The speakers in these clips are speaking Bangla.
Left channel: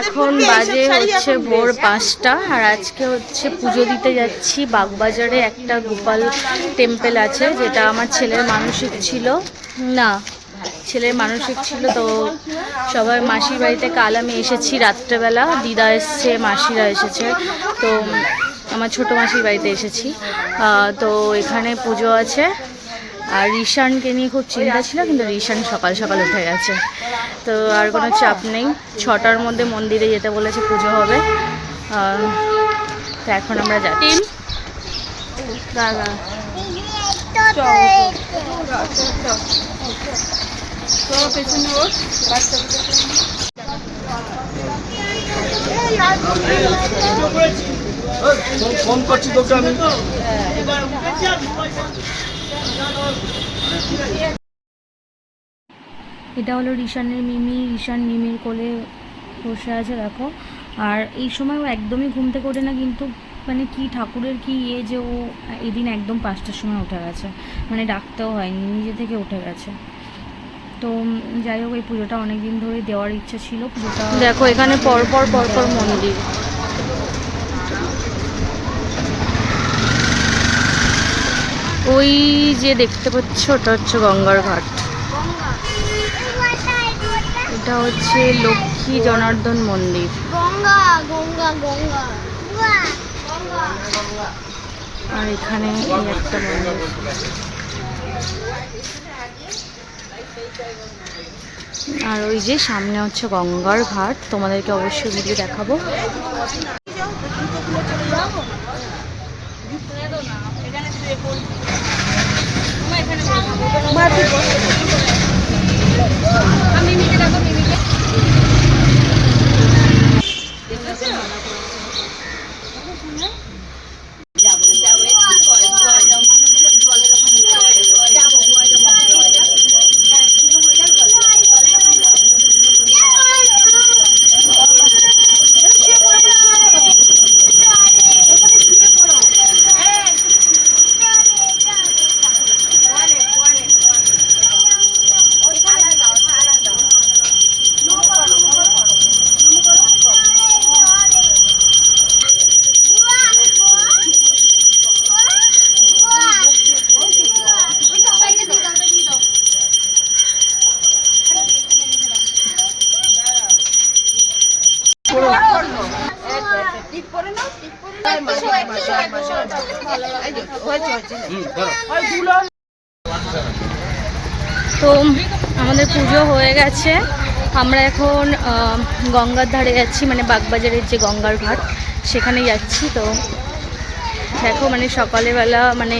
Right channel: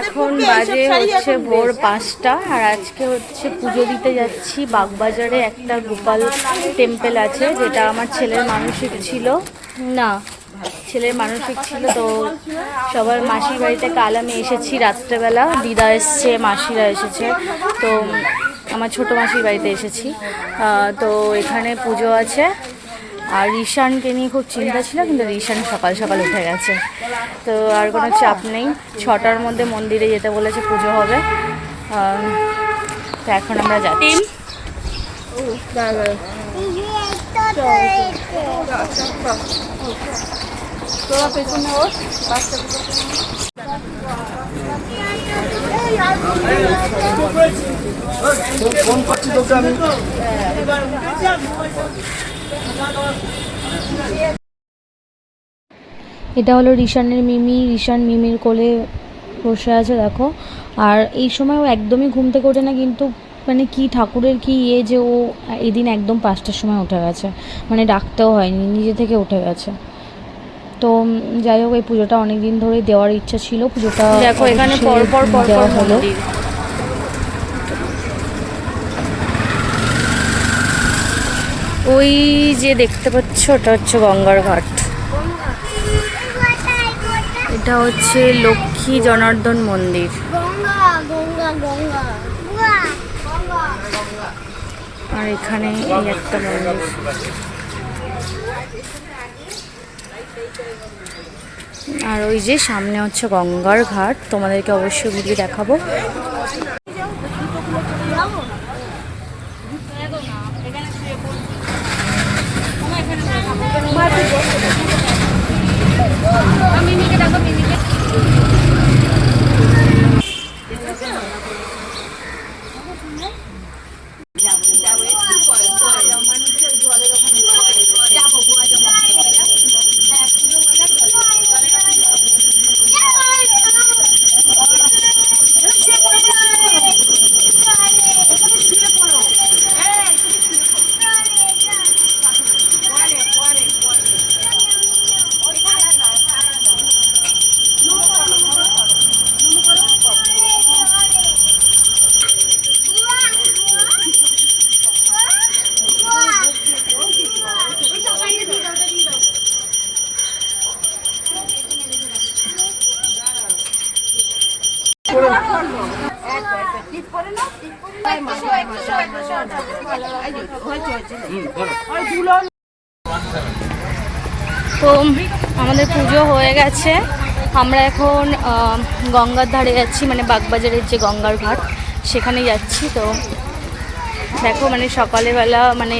এখন বাজে হচ্ছে ভোর পাঁচটা আর আজকে হচ্ছে পুজো দিতে যাচ্ছি বাগবাজারে। একটা গোপাল টেম্পেল আছে যেটা আমার ছেলের মানসিক ছিল। না ছেলের মানসিক ছিল তো সবার মাসির বাড়িতে কাল আমি এসেছি রাত্রেবেলা। দিদা এসছে মাসিরা এসেছে তো আমার ছোটো মাসির বাড়িতে এসেছি। তো এখানে পুজো আছে। আর রিশানকে নিয়ে খুব চিন্তা ছিল কিন্তু রিশান সকাল সকাল উঠে গেছে। তো আর কোনো চাপ নেই। ছটার মধ্যে মন্দিরে যেতে বলেছে পুজো হবে। তো এখন আমরা যাচ্ছি। ফোন করছি তোকে আমি। এটা হলো রিশানের মিমি রিশান মিমির কোলে বসে আছে দেখো। আর এই সময় ও একদমই ঘুম থেকে ওঠে না কিন্তু মানে কি ঠাকুরের কি ইয়ে যে ও এদিন একদম পাঁচটার সময় উঠে গেছে। মানে ডাকতেও হয়নি নিজে থেকে উঠে গেছে। তো যাই হোক এই পুজোটা অনেক দিন ধরে দেওয়ার ইচ্ছা ছিল পুজোটা দেখো এখানে পরপর পরপর মন্দির। ওই যে দেখতে পাচ্ছ ওটা হচ্ছে গঙ্গার ঘাট। এটা হচ্ছে লক্ষ্মী জনার্দন মন্দির। আর এখানে এই একটা মন্দির। আর ওই যে সামনে হচ্ছে গঙ্গার ঘাট তোমাদেরকে অবশ্যই ভিডিও দেখাবো। এখানে তো আমাদের পুজো হয়ে গেছে। আমরা এখন গঙ্গার ধারে যাচ্ছি মানে বাগবাজারের যে গঙ্গার ঘাট, সেখানে যাচ্ছি। তো দেখো মানে সকালবেলা মানে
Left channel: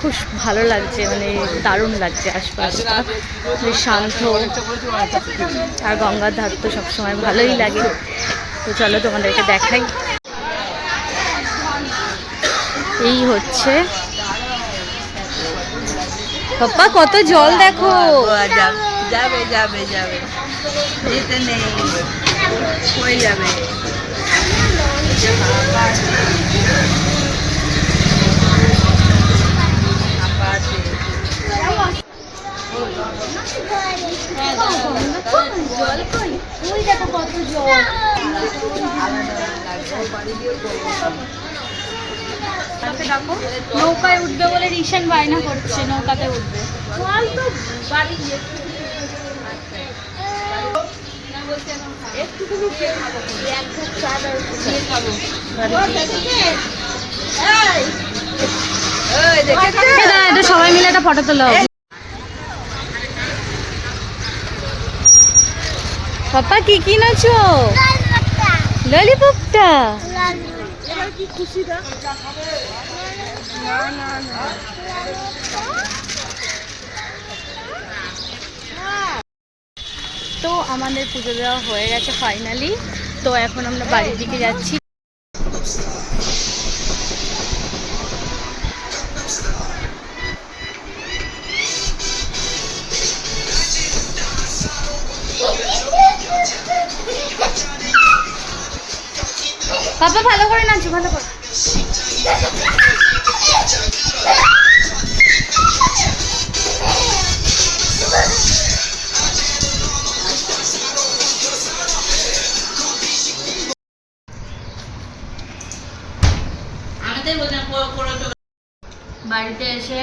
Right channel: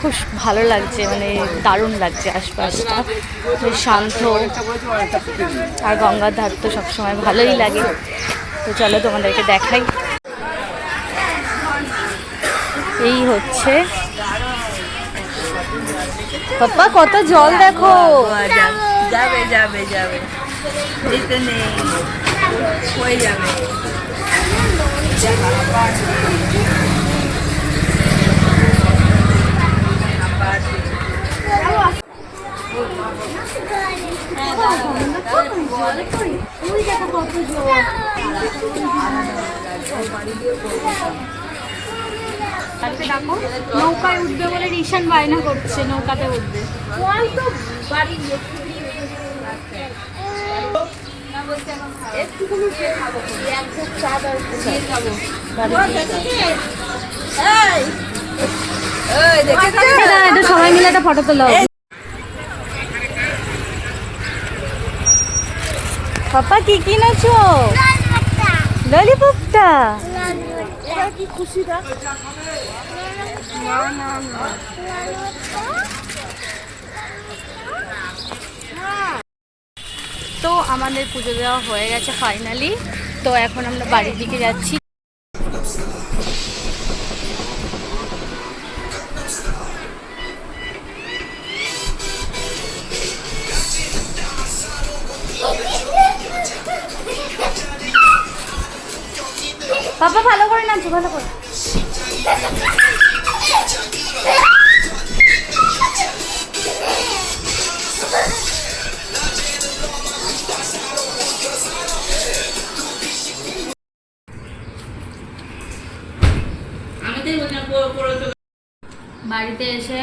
খুব ভালো লাগছে মানে দারুণ লাগছে আশপাশটা। শান্ত। আর গঙ্গার ধার তো সবসময় ভালোই লাগে। তো চলো তোমাদেরকে দেখাই। এই হচ্ছে। পাপ্পা কত জল দেখো। যাবে যাবে যাবে দিতে নেই। হয়ে যাবে। নৌকায় উঠবে বলে রিশান বায়না করছে নৌকাতে উঠবে। সবাই মিলে একটা ফটো তোলা। হবে পাপা কি কিনেছো ললিপপটা। কি খুশি দেখ তো আমাদের পুজো দেওয়া হয়ে গেছে ফাইনালি তো এখন আমরা বাড়ির দিকে যাচ্ছি। পাপা, ভালো করে নাচো, ভালো করে। বাড়িতে এসে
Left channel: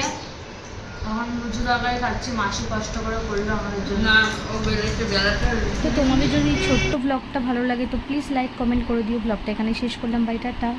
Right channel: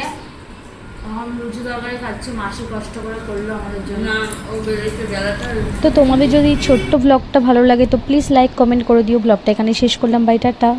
এখন লুচি তরকারি খাচ্ছি মাসি কষ্ট করে করল আমাদের জন্য। ও বেরোচ্ছে বেলাটা তো তোমাদের যদি ছোট্ট ব্লগটা ভালো লাগে তো প্লিজ লাইক কমেন্ট করে দিও। ব্লগটা এখানে শেষ করলাম। By tata